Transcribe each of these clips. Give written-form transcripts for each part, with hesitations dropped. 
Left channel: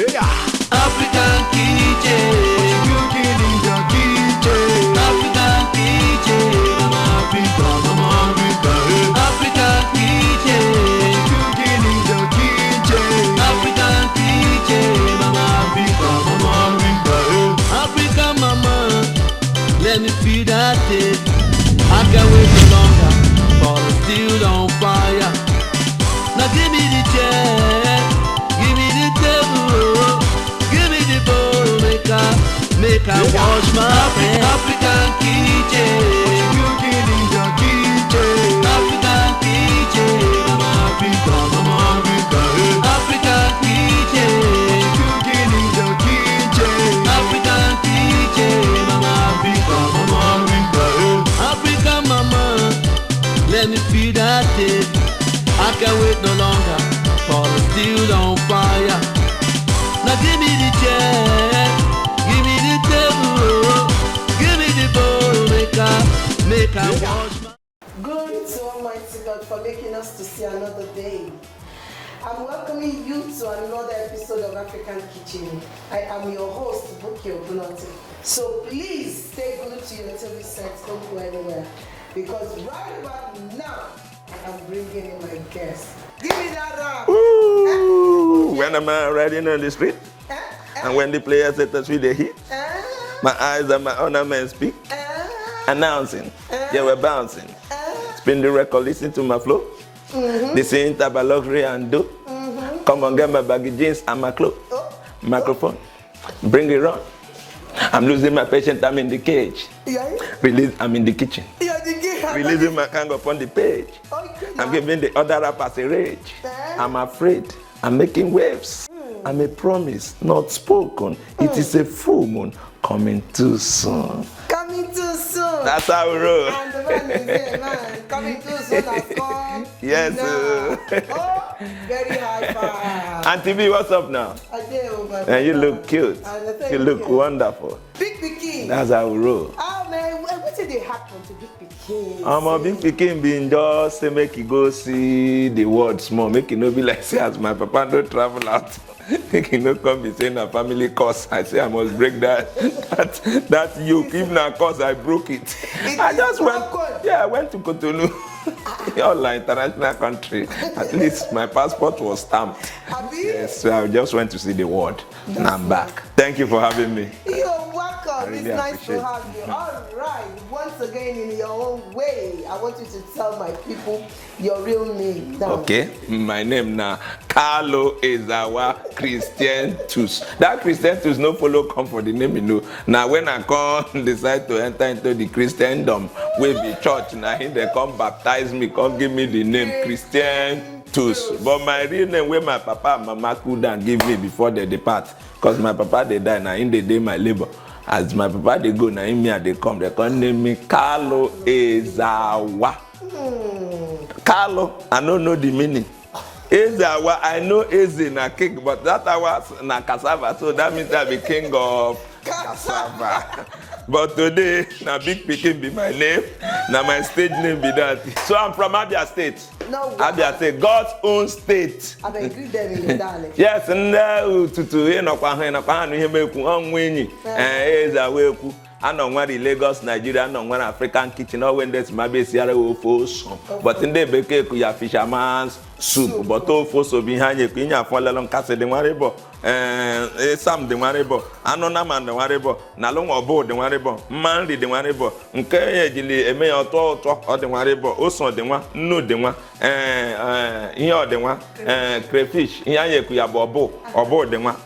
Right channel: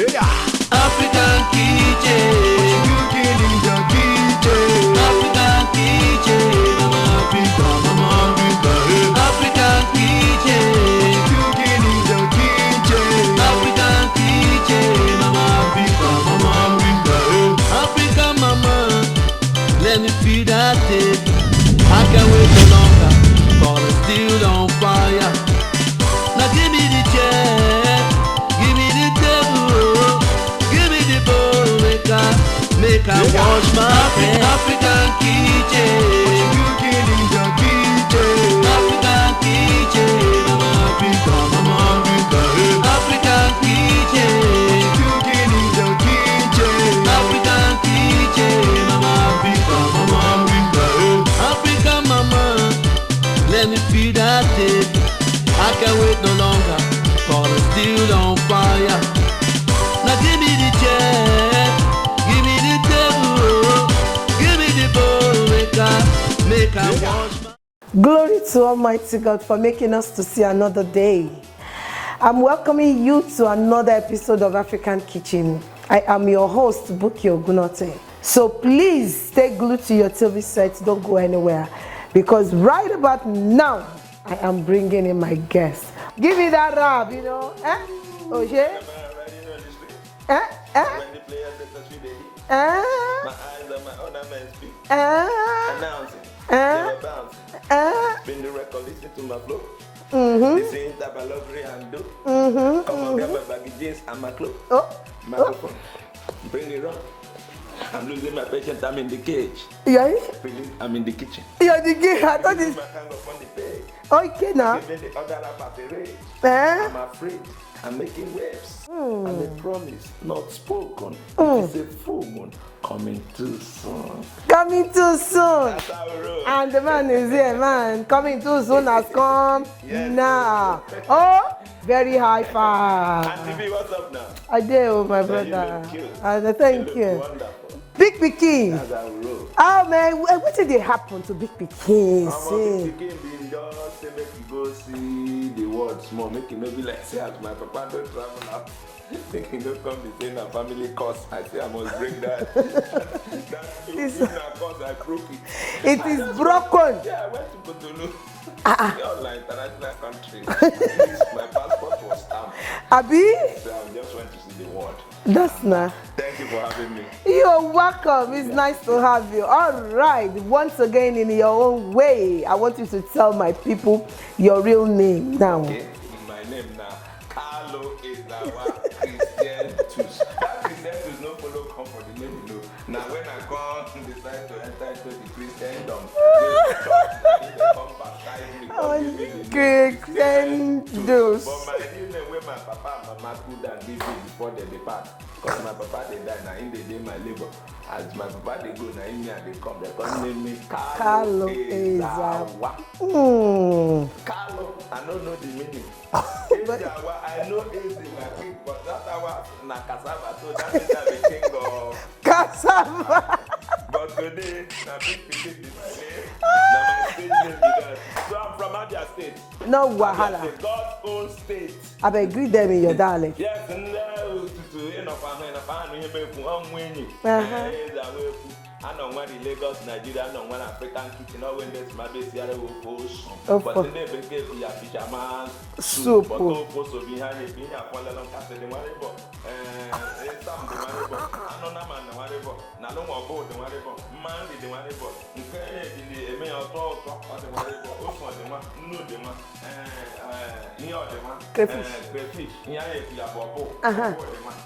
African kitchen, cooking in the kitchen. African kitchen, Mama Africa, Mama Africa. African kitchen, cooking in the kitchen. African kitchen, Mama Africa, Mama Africa. African mama, let me feel that taste. I can't wait no longer for the steel on fire. Now give me the chair, give me the table, give me the bowl, make I wash my hands. African kitchen, cooking in the kitchen. African kitchen, Mama Africa, Mama Africa. African kitchen, cooking in the kitchen. African kitchen, Mama Africa, Mama Africa. African mama, let me feel that taste. I can't wait no longer for the steel on fire. Now give me the chair, give me the table, give me the bowl, make I wash my... Glory to Almighty God for making us to see another day. I'm welcoming you to another episode of African Kitchen. I am your host, Ijebu Ode. So please stay glued to your TV sets, don't go anywhere. Because right about now, I am bringing in my guest. Give me that rap, you know. Okay. When I'm riding on the street, and when the players at the street they hit, my eyes and my ornaments speak, announcing, they were bouncing. Spin the record, listen to my flow. This ain't about luxury and do. Come on, get my baggy jeans and my clothes. Microphone, bring it on. I'm losing my patience, I'm in the cage. Yeah. Release, I'm in the kitchen. Yeah, the game. Releasing my hand upon the page. Okay, now. I'm giving the other rappers a rage. I'm afraid. I'm making waves. I'm a promise, not spoken. It is a full moon coming too soon. Coming too soon. That's how we roll. And the man is here, man. Coming too soon has come. Yes, now. Oh, very high five. Auntie B, what's up now? I do, my brother. And you look cute. Thank you look wonderful. Big Pikin. That's how we roll. Oh man, what did they happen to Big Pikin? Big Pikin being just say make you go see the world small, make you no be like say as my papa don't travel out. Make you no come be saying a family curse. I say I must break that yoke. If na curse, I broke it. I just broken. I went to Cotonou. All international country. At least my passport was stamped. Abi? Yes, so I just went to see the world. I'm back. Thank you for having me. You're welcome. It's nice to have you. All right. Once again, in your own way, I want you to tell my people your real name now. Okay. My name now, Carlo Ezawa Christian Tus. That Christian Tus no follow come for the name, you know. Now when I come decide to enter into the Christendom with the church, now they come baptize me, come give me the name Christian Tus. But my real name, where my papa and mama couldn't give me before they depart, because my papa they die now in the day my labor. As my papa they go now in me and they come name me Carlo Ezawa. Carlo, I don't know the meaning. Ezawa, I know Eze na king, but that was na cassava, so that means I be king of cassava. But today, na Big Pikin be my name, na my stage name be that. So I'm from Abia State. No, Abia State, God's own state. I beg greet them in your dialect. Yes, and Ezawa. I know where the Lagos, Nigeria, I know where African kitchen, or when there's my base here, but in the bake, you have fisherman's soup, but all so behind you, Pina, Fallen Castle, the Maribo, Sam the Maribo, Anonaman the Maribo, Nalong or board the Maribo, Mandy the Maribo, Nkayajili, a mayor talk or the Maribo, also the one, no the one, here the one, crayfish, Yayakuya Bobo, or board the one.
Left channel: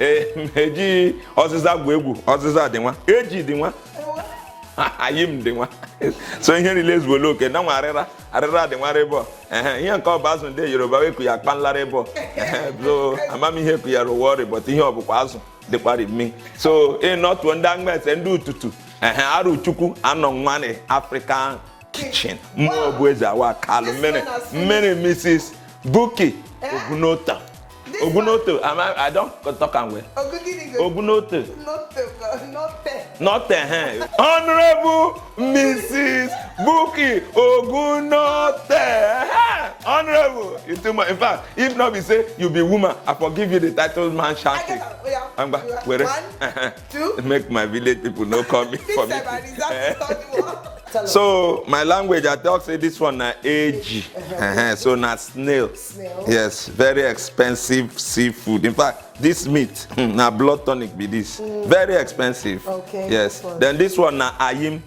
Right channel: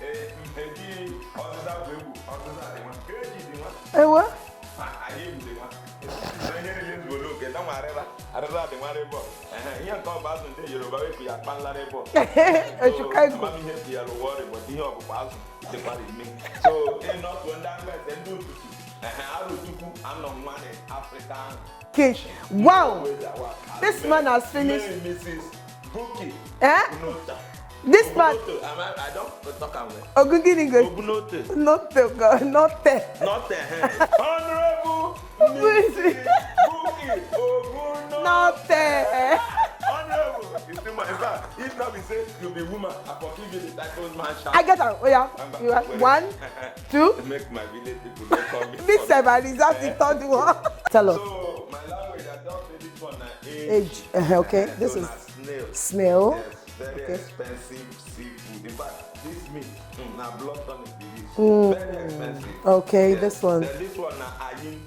Eji oziza gwebu oziza dị nwa eji dị nwa ewa ayim dị nwa so ihe release wo loke na nwa arịra dị nwa rebo ihe nke ọba azụ ndị Yoruba we ku ya kpanla rebo so amami ihe ku ya rowori but ihe ọbụkwa azụ dịkwara imi so not ndị angmese ndị ututu arụ chukwu anọ nwa na African kitchen wow Ezawa Carlo many Mrs. Buki Ogunota. This Ogunote, I don't talk and well. Ogunote. Not Honorable Mrs. Buki Ogunote. Honorable, it's too much. In fact, if not, we say you be woman, I forgive you the title man shall. I get that. Oh yeah. I'm back. 1, 2. Make my village people not call me. This 7 is that the third one. Tell us. So my language, I talk say this one na age. Okay. So na snail. Snail. Yes, very expensive seafood. In fact, this meat na blood tonic be this. Very expensive. Okay. Yes. This one. Then this one na ayim,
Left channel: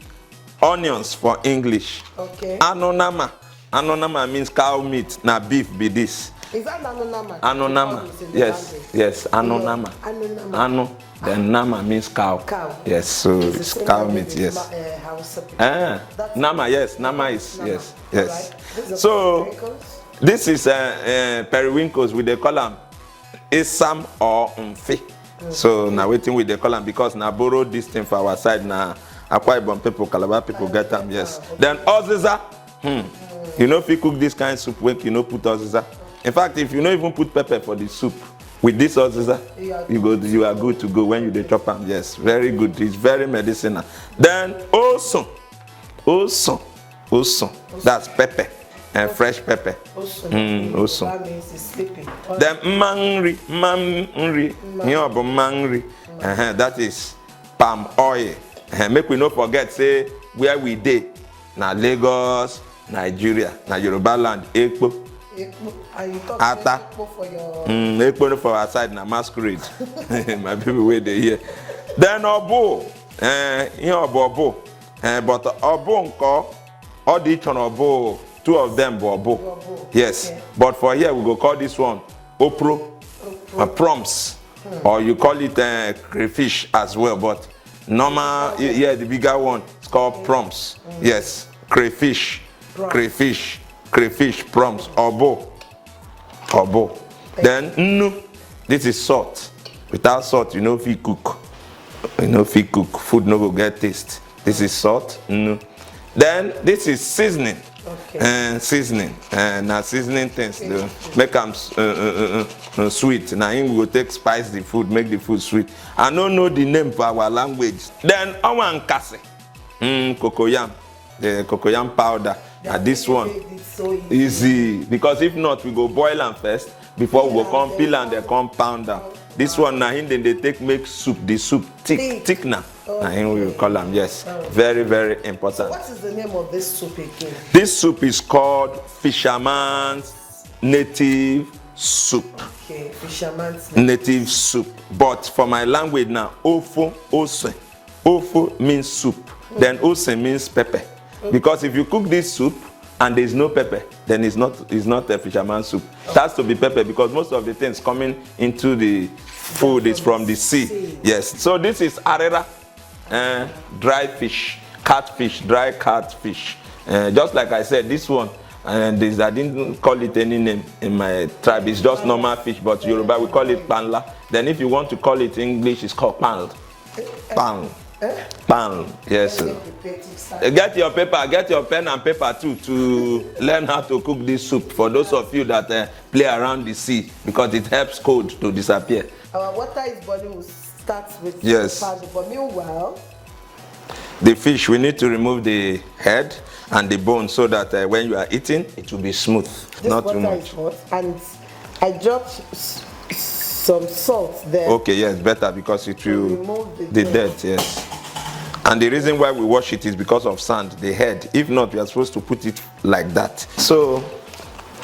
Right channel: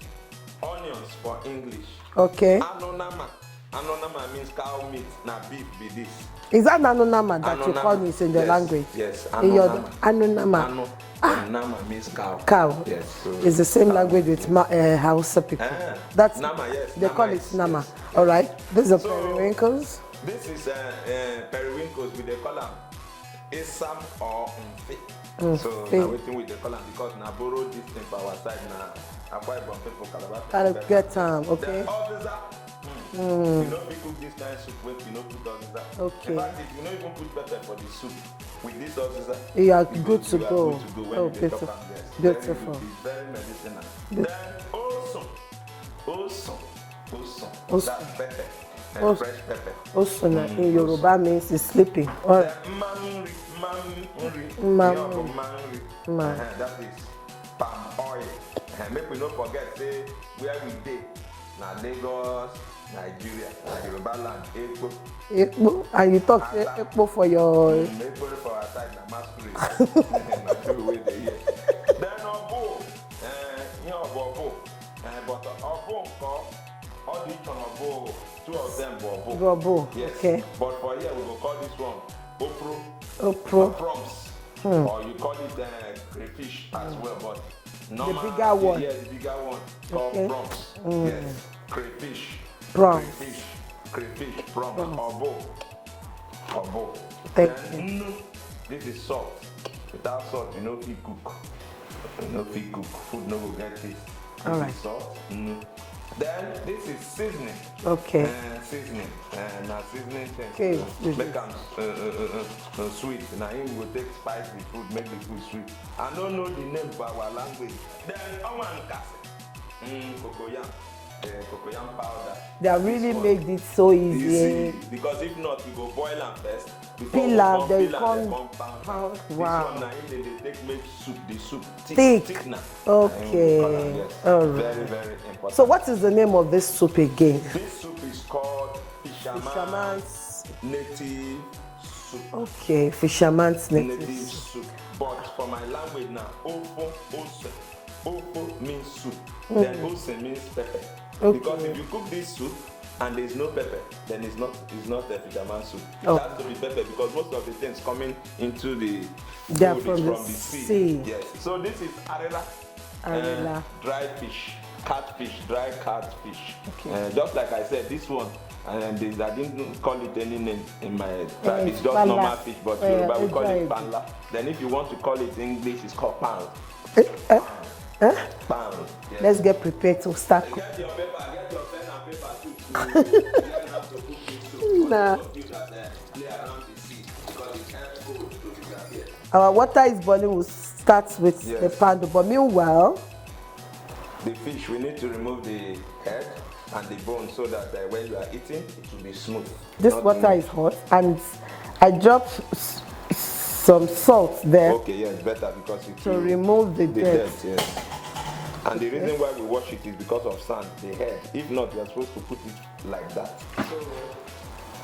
onions for English. Okay. Anonama. Anonama means cow meat. Na beef be this. Is that anonama that you call it in the language? Yes, anonama. Anonama. Ano. Then nama means cow. Cow. Yes, so it's the same cow language meat, as yes. Hausa people. That's nama, yes. Nama is nama. yes. All right. These are periwinkles. This is periwinkles with the column Isam or Mfe. So now waiting with the column because now borrow this thing for our side now. Akwa Ibom people, Calabar people get them, yes. Okay. Then oziza. You know if you cook this kind of soup when you know put oziza. Okay. In fact, if you don't even put pepper for the soup, with this oziza, you are good to go when you dey chop them. Yes, very good. It's very medicinal. Then also, that's pepper and fresh pepper. Also, that means it's sleeping. Then mangri. That is palm oil. Make we not forget say where we dey. Na Lagos, Nigeria, na Yoruba land, Ekpo. And you talk Ekpo for your... Ekpo for our side, na masquerade. My people wait there here. Then Obo, Obo. But Obo nko, all the each on Obo, 2 of them were Obo. Yes, okay. But for here we go call this one Opro. Proms. Or you call it crayfish as well, but normal, the bigger one. It's called proms. Yes, crayfish, proms, obo. Then nnu, this is salt. Without salt, you know if you cook. Food no go get taste. This is salt, nnu. Then this is seasoning. Okay. Seasoning. Now seasoning things to make them sweet. Now we go take spice the food, make the food sweet. I don't know the name for our language. Then our nkase, cocoyam, the cocoyam powder. This one made it so easy because if not, we go boil them first before we come peel and they come pound them. This one now then they take make soup. The soup thick now. Okay. We call them very very important. So what is the name of this soup again? This soup is called fisherman's native soup. Okay, fisherman's native soup. But for my language now, ofo ose. Ofo means soup. Then ose means pepper. Okay. Because if you cook this soup and there is no pepper, then it's not a fisherman's soup. Okay. It has to be pepper because most of the things coming into the food is from the sea. Yes. So this is arera, dry fish, catfish, dry catfish. Just like I said, this one, I didn't call it any name in my tribe. It's just normal fish, but Yoruba we call it panla. Then if you want to call it English, it's called pan. Pan. Yes. Let's get prepared to start. Get your paper, get your pen and paper too to learn how to cook this soup for those of you that play around the sea because it helps cold to disappear. Our water is boiling. We'll start with the pan, but meanwhile, the fish, we need to remove the head and the bone so that when you are eating, it will be smooth. This water is hot, and I dropped some salt there. Okay, yes, better because it will remove the dirt. Yes. And the reason why we wash it is because of sand, the head. If not, we are supposed to put it like that. So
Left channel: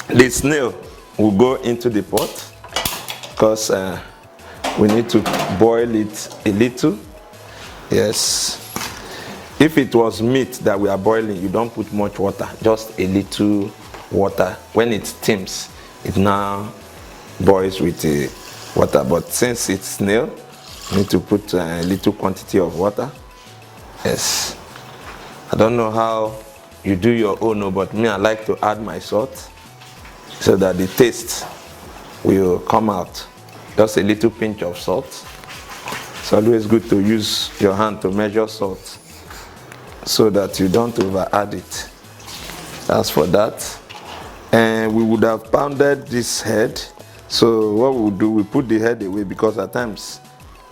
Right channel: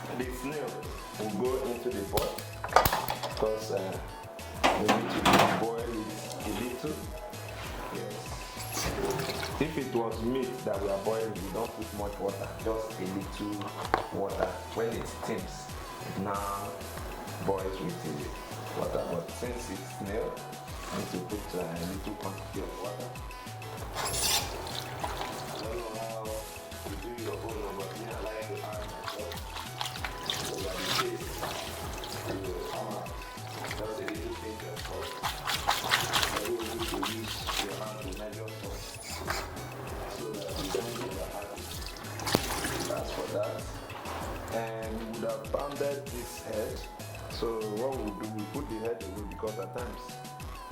the snail will go into the pot because we need to boil it a little. Yes. If it was meat that we are boiling, you don't put much water, just a little water. When it steams, it now boils with the water. But since it's snail, you need to put a little quantity of water. Yes. I don't know how you do your own, but me, I like to add my salt so that the taste will come out. Just a little pinch of salt. It's always good to use your hand to measure salt so that you don't over add it. As for that, and we would have pounded this head. So what we do, we put the head away because at times,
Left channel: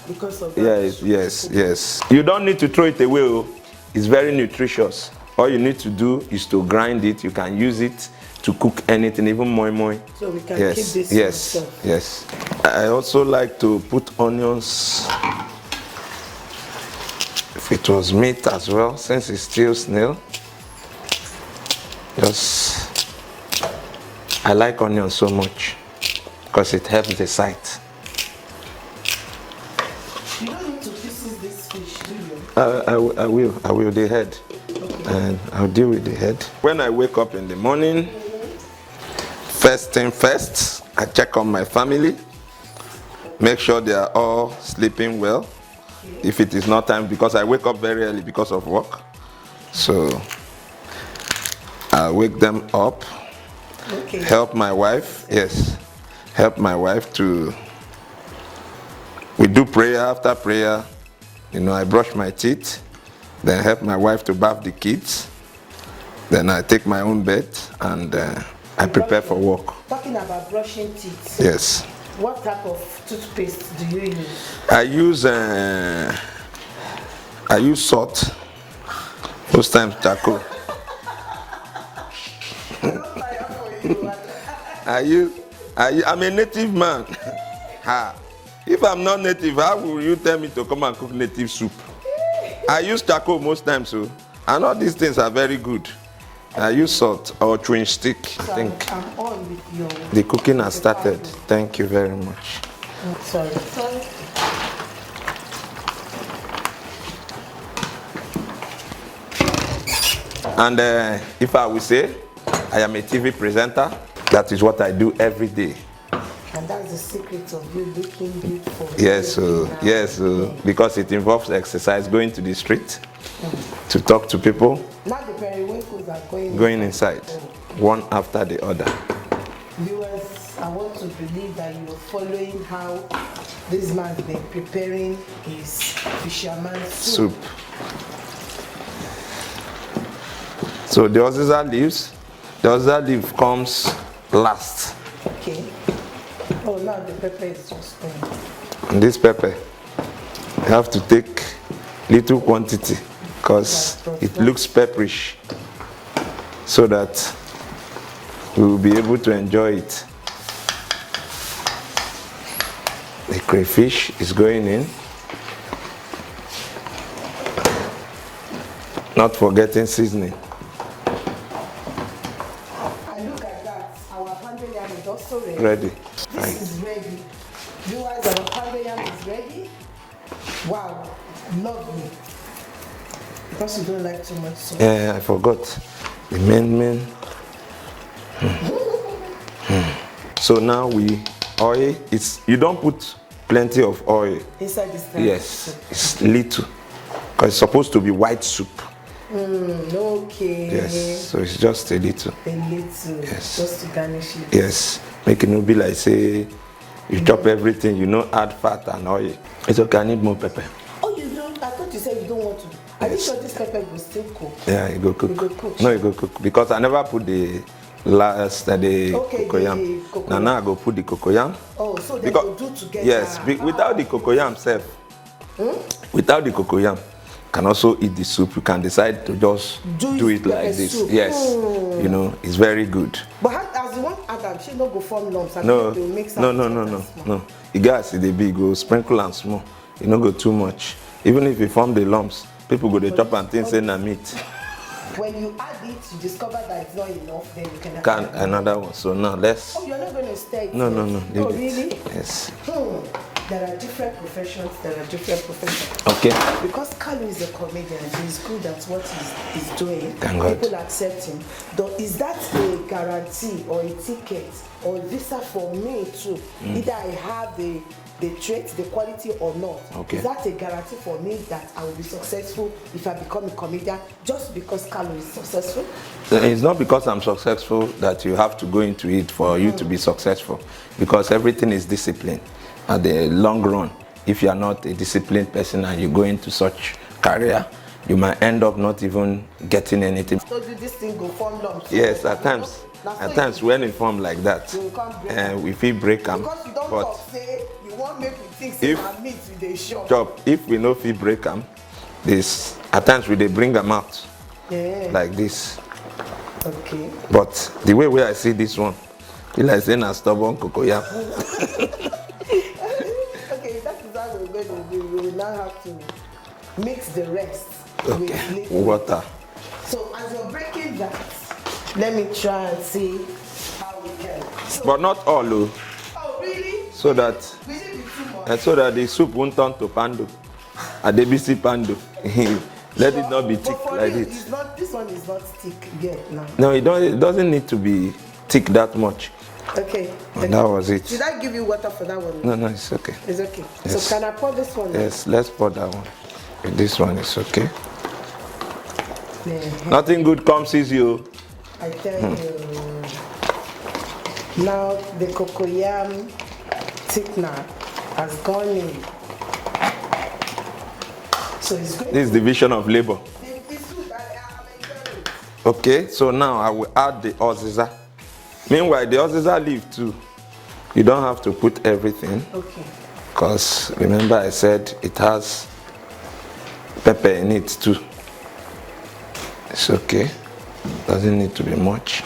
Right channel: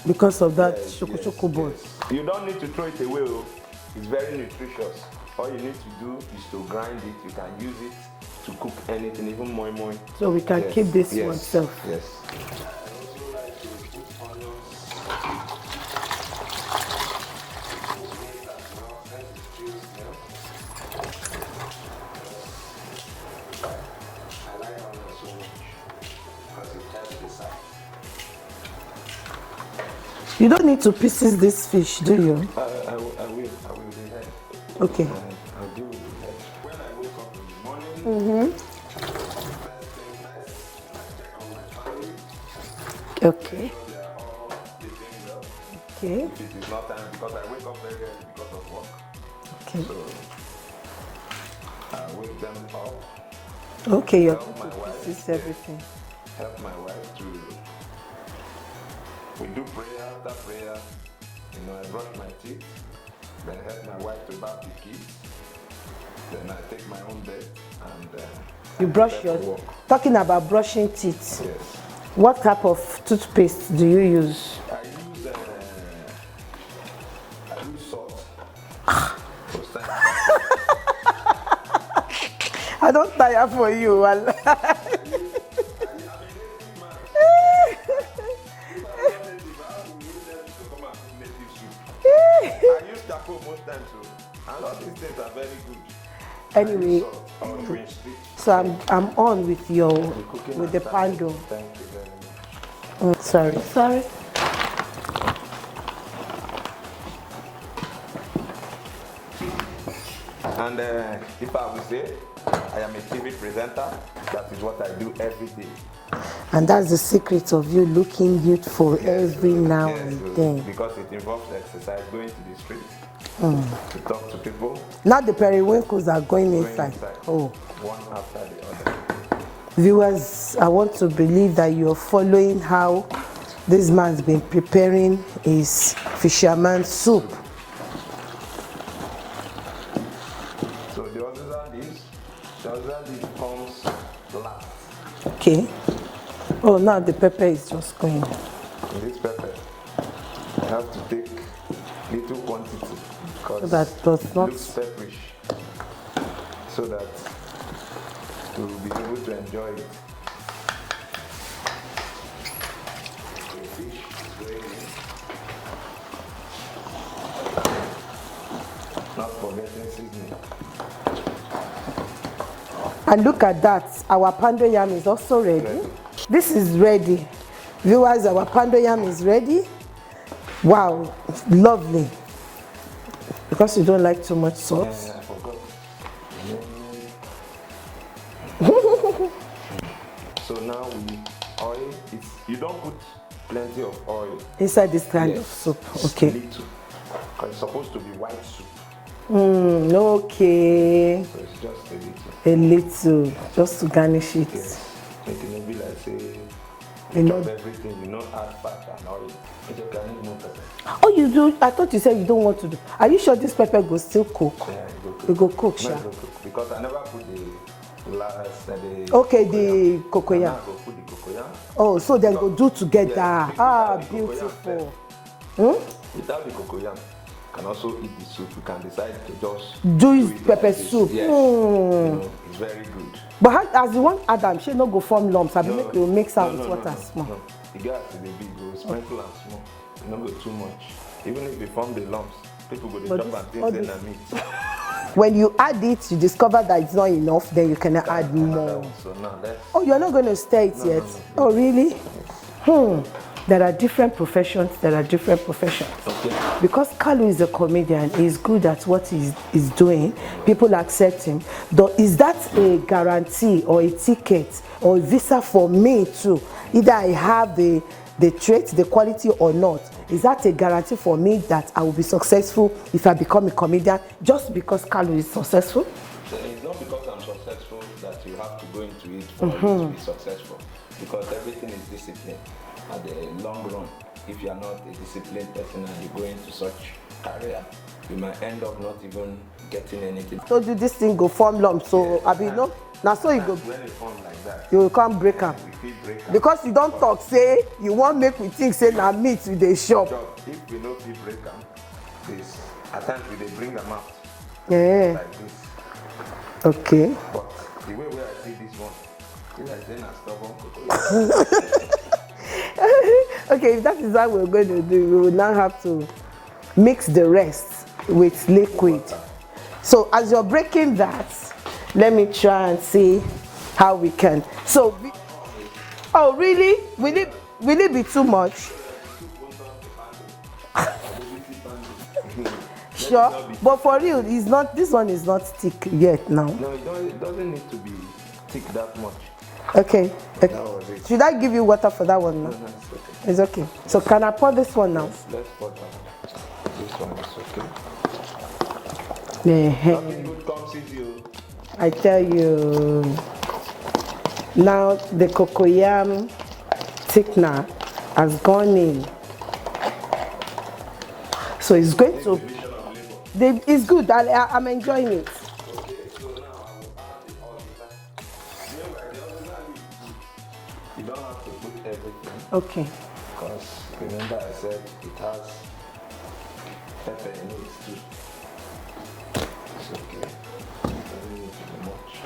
because of that. Yes. You don't need to throw it away. It's very nutritious. All you need to do is to grind it. You can use it to cook anything, even moi moi. So we can keep this oneself. Yes. I also like to put onions. If it was meat as well, since it's still snail. I like onions so much because it helps the sight. You don't need to pieces this fish, do you? I will, the head. Okay. And I'll deal with the head. When I wake up in the morning, first thing first, I check on my family. Okay. Make sure they are all sleeping well. Okay. If it is not time, because I wake up very early because of work. Okay. So I wake them up. Okay. Help my wife. Yes. Help my wife to. We do prayer. After prayer, I brush my teeth. Then help my wife to bath the kids. Then I take my own bed and I prepare for work. Talking about brushing teeth. Yes. What type of toothpaste do you use? I use salt. Most times charcoal. I don't tire for you. I'm a native man. If I'm not native, how will you tell me to come and cook native soup? I use charcoal most times, so and all these things are very good. I use salt or chewing stick. So I'm on with your. The cooking has started. Pando. Thank you very much. Oh, sorry. And if I will say, I am a TV presenter. That is what I do every day. And that's the secret of you looking beautiful. Yes, because it involves exercise, going to the street to talk to people. Now the periwinkles are going inside. One after the other. Viewers, I want to believe that you're following how this man's been preparing his fisherman's soup. So the oziza leaf comes last. Okay. Oh, now the pepper is just going. And this pepper, you have to take little quantity because it looks pepperish, so that we will be able to enjoy it. The crayfish is going in. Not forgetting seasoning. And look at that, our pando yam is also ready. This is ready. Viewers, our pando yam is ready. Wow, it's lovely. Because you don't like too much salt. Yeah, I forgot. The main. So now oil, you don't put plenty of oil. Inside this kind of soup? Yes, it's little. Because it's supposed to be white soup. Okay. Yes, so it's just a little. A little, yes. Just to garnish it. Yes, make it not be like say, you chop everything, add fat and oil. It's okay, I need more pepper. Oh, you do? I thought you said you don't want to do. Are you sure this pepper will still cook? Yeah, it go cook. It go cook. No, it go cook. Because I never put the cocoyam. Cocoyam. Now I go put the cocoyam. Oh, so they go do together. Yes, without the cocoyam without the cocoyam, can also eat the soup. You can decide to just do it like this. Soup. Yes, it's very good. But as you want Adam, she not go form lumps. No, you mix no. You guys see the big go sprinkle and small. You not go too much. Even if you form the lumps, people go to chop and think say na meat. When you add it, you discover that it's not enough. Then you can add another more. one. So now let's. Oh, you're not going to stir it yet? No. Oh, really? Yes. There are different professions. Okay. Because Kalu is a comedian, he's good at what he's doing. People accept him. Though, is that a guarantee or a ticket or a visa for me too? Either I have the trait, the quality or not. Okay. Is that a guarantee for me that I will be successful if I become a comedian just because Kalu is successful? It's not because I'm successful that you have to go into it for you to be successful. Because everything is discipline. At the long run, if you are not a disciplined person and you go into such career, you might end up not even getting anything. So this thing go form lumps. So yes, at times when it form like that, you can't break them. We feel break them. Because you don't talk, say you won't make me think say na meat with the shop. If we no feel break them, this at times we they bring them out like this. Okay. But the way I see this one, it's like saying a stubborn cocoyam. Okay, if that is how we're going to do, we will now have to mix the rest with liquid. Water. So as you're breaking that, let me try and see how we can. So, But not all, oh. oh really? So will it be too much? So that the soup won't turn to pando. A debisi pando. Let Sure, it not be thick. but for like real, it. it's not. This one is not thick yet now. No, it doesn't need to be thick that much. Okay. And that was it. Did I give you water for that one? No, it's okay. It's okay. Yes. So can I pour this one now? Yes, let's pour that one. This one is okay. Yeah. Nothing good comes easy. I tell you. Now the cocoyam thickener has gone in. So it's going This to... is division of labor. It's good. I'm enjoying it. Okay, so now I will add the oziza. Meanwhile, the oziza leaf too. You don't have to put everything. Okay. Because remember I said it has pepper in it too. It's okay. Doesn't need to be much.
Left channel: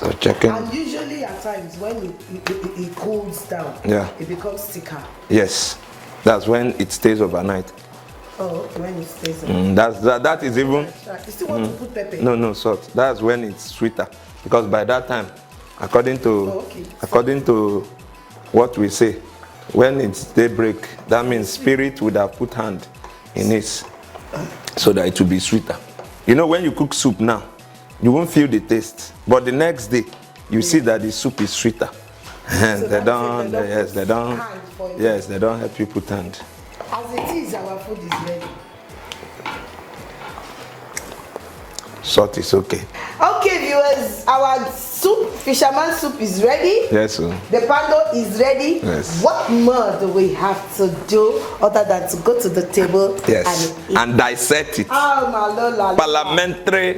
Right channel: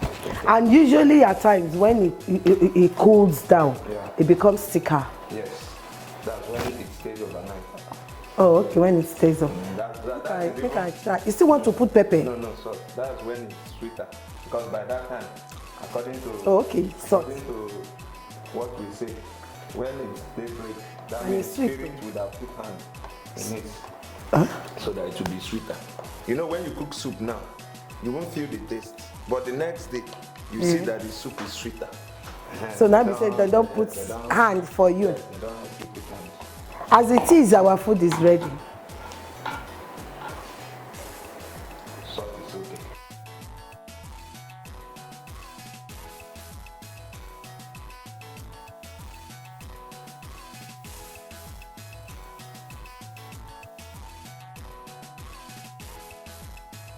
So check it. And usually at times when it cools down, Yeah. it becomes thicker. Yes, that's when it stays overnight. Oh, okay, when it stays on. That is even. You still want to put pepper? No, salt. That's when it's sweeter. Because by that time, according to what we say, when it's daybreak, that means spirit would have put hand in it so that it will be sweeter. You know, when you cook soup now, you won't feel the taste. But the next day, you see that the soup is sweeter. So they don't put hand for you. Yes, they don't help you put hand. As it is, our food is ready. Salt is okay. Okay, viewers, our soup, fisherman soup is ready. Yes, sir. The pando is ready. Yes. What more do we have to do other than to go to the table Yes, and eat? and dissect it. Oh, Parliamentary,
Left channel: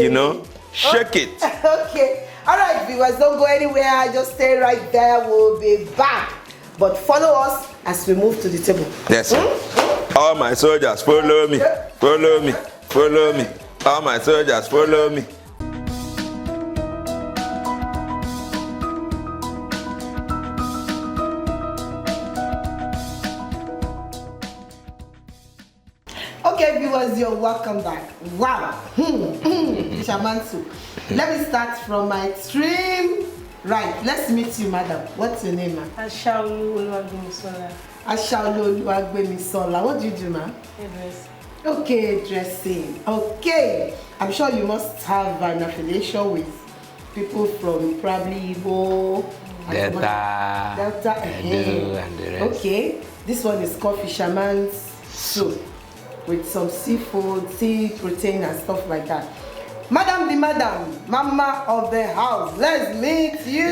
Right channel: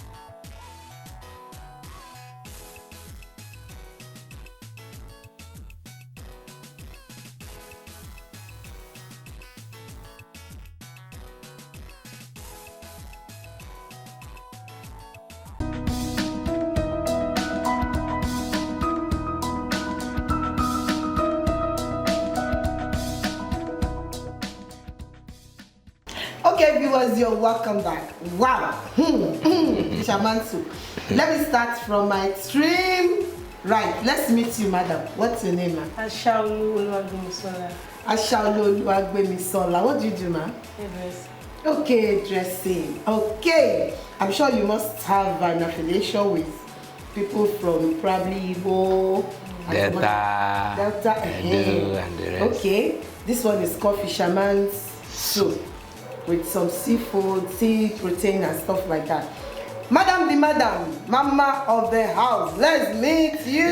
you know, shake it. Okay. All right, viewers, don't go anywhere. Just stay right there. We'll be back. But follow us as we move to the table. Yes, sir. All my soldiers, follow me. Follow me. Follow me. All my soldiers, follow me. Okay, viewers, you're welcome back. Wow. Fisherman soup. Let me start from my extreme right. Let's meet you, madam. What's your name, ma'am? Ashaolu. Oluwagbemisola. What do you do, ma'am? Yes. Okay, dressing. Okay. I'm sure you must have an affiliation with people from probably Igbo, Delta, Edo, and the rest. Okay. This one is called fisherman's soup with some seafood, sea protein and stuff like that. Madam the madam, mama of the house, let's meet you.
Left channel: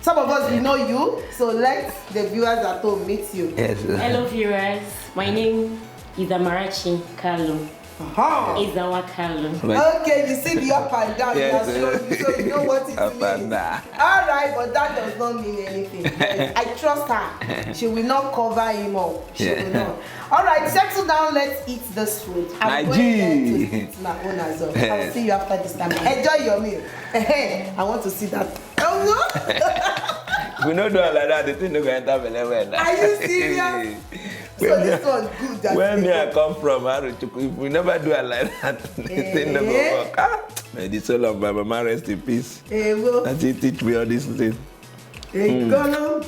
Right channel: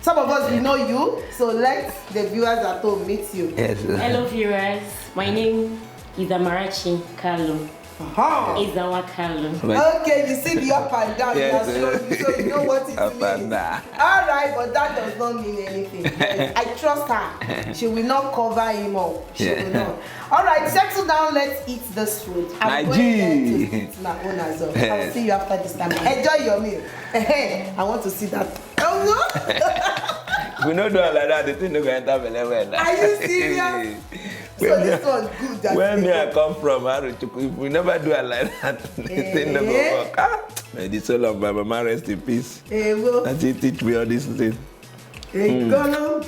Some of us, we know you, so let the viewers at home meet you. Yes. Hello viewers, my name is Amarachi Kalu. Izawa Kalu. Okay, you see the up and down, Yes. so you know what it Up means. and down. All right, but that does not mean anything. Yes, I trust her. She will not cover him up. She will not. All right, settle down. Let's eat this food. I'm My going there G. to eat my own as well. I'll see you after this time. Enjoy your meal. I want to see that. We don't do it like that. The thing don't go enter belly well. Are you serious? So this one's good. That Where me I come from, if we never do it like that, the thing never work. May the soul of my mama rest in peace. well, That he teach me all these things. go.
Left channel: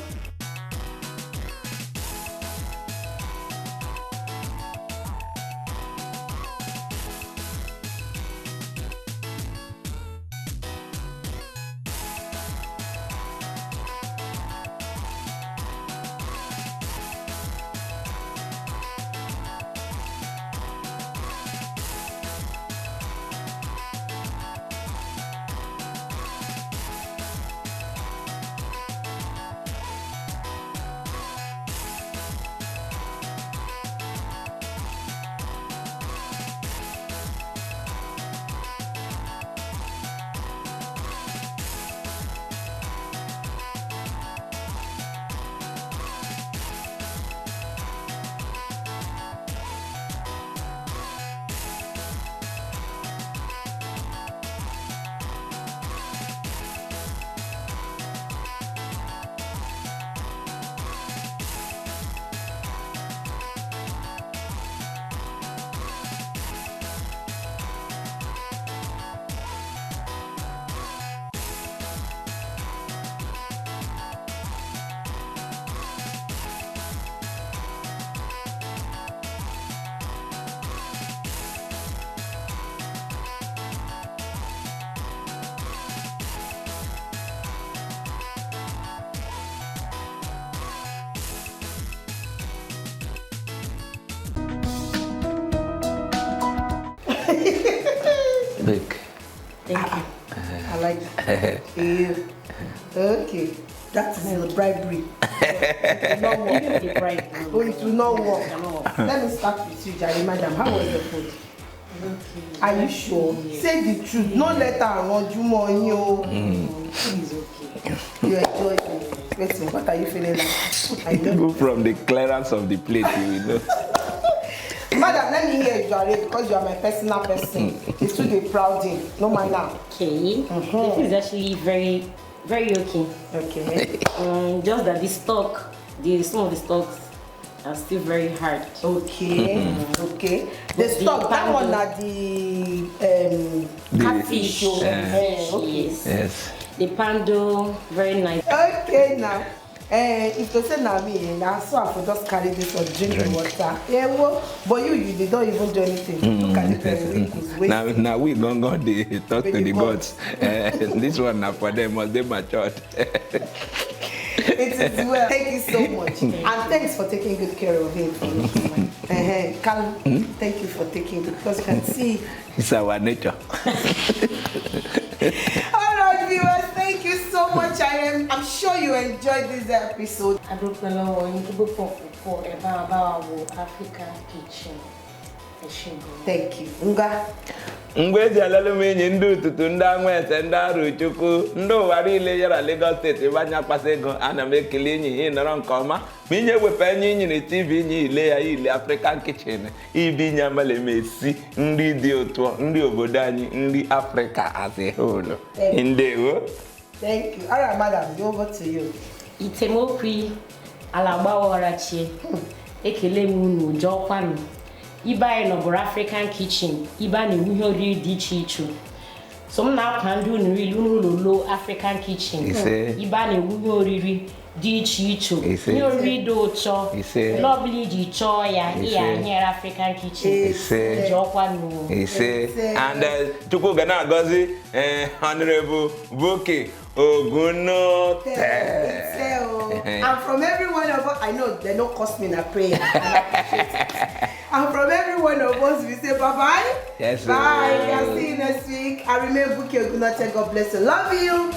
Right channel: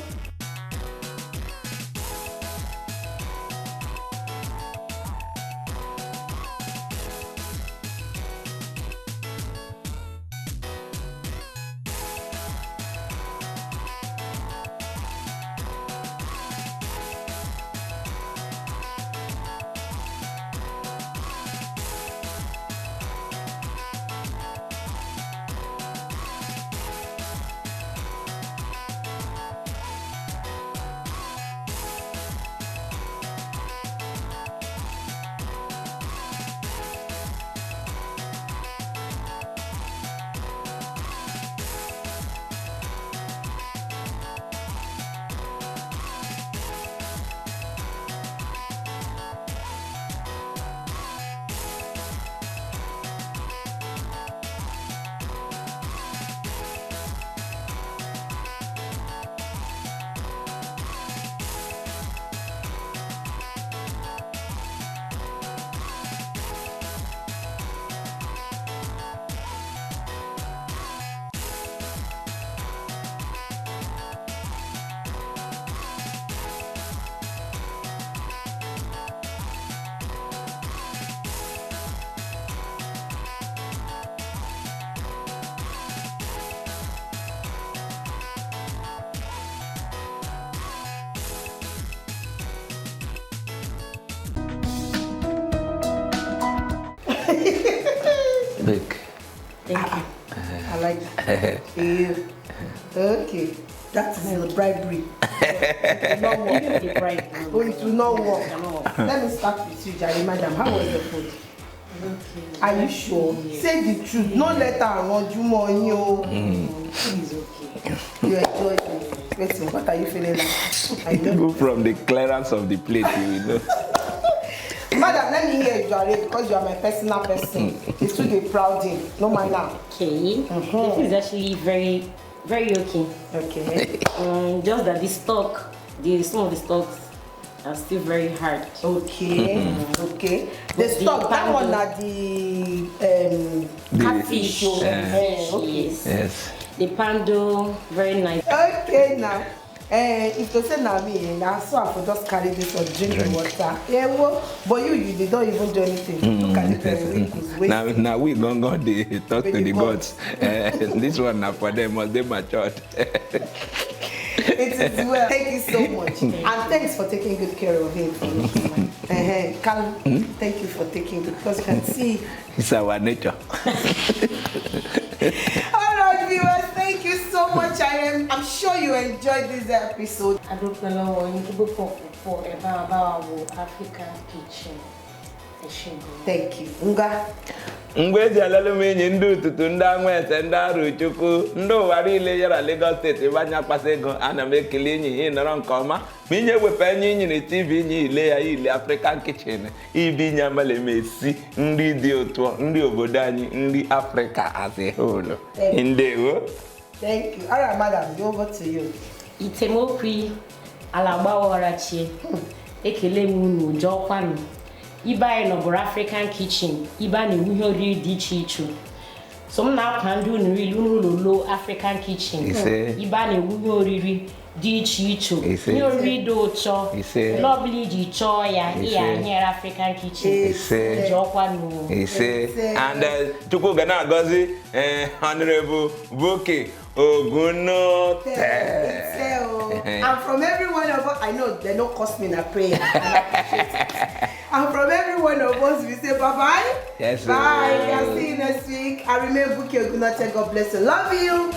Okay. That is the bribery. It will not work. Oh, it will not work. Let me start with you, Jerry, madam. How was the food? Okay. Are you sure? Say the truth. No let her run you more. Food is okay. You enjoyed it. Wait, what are you feeling like? I know. Go from the clearance of the plate, you will know. Madam, let me hear you, Jerry, because you are my personal person. It's too proud in. No mind now. Okay. The food is actually very, very okay. Okay. Just that the stock, some of the stocks are still very hard. Okay. Okay. The But stock, that the one are the catfish. Okay. Yes. The pando, very nice. Okay now. If you say na me, now so I for just carry this or drink the water. Yeah, well, but you did not even do anything. Look at it. Now we gonna go they talk to the gods. This one now for them must they matured. It is well. Thank you so much. And thanks for taking good care of him. Carl, thank you for taking good, because you can see It's our nature. Alright viewers, thank you so much. I'm sure you enjoyed this episode. I don't know Ijebu for about African kitchen. Thank you. Nga. Mgbe eji alele m enyi ndị ụtụtụ ndị anwete ndị arụ chukwu ndị ụwa niile yara Lagos steeti ebe anya akpasa ego ana m ekele enyi ihe nọrọ nke ọma ma inye wepụ enyi inyere TV inye ile ya ile African kitchen ibi nye amala esi nri dị ụtọ nri obodo anyị nri Africa as a whole. Ndewo. Thank you. Alright madam, over to you. Itemokwi alagbawarachi ekele m unu jọkwanụ. Ibe anyị nọbụrụ African kitchen, ibe a na-ewu ihe oriri dị iche iche. So m na-akwa ndị unu rili n'ụlọ African kitchen. Ibe a na-ewu ihe oriri dị iche iche. Ihe oriri dị ụtọ. Lọbili iji chọọ ya, iya nyere African kitchen. Jọkwa nụ. And Chukwu ga na-agọzi Honorable Boke Ogunote. And from every one of us, I know they don't cost me in a prayer. And from every one of us, we say bye-bye. Yes, bye. I'll see you next week. I remain Buki Ogunote. God bless you. Love you.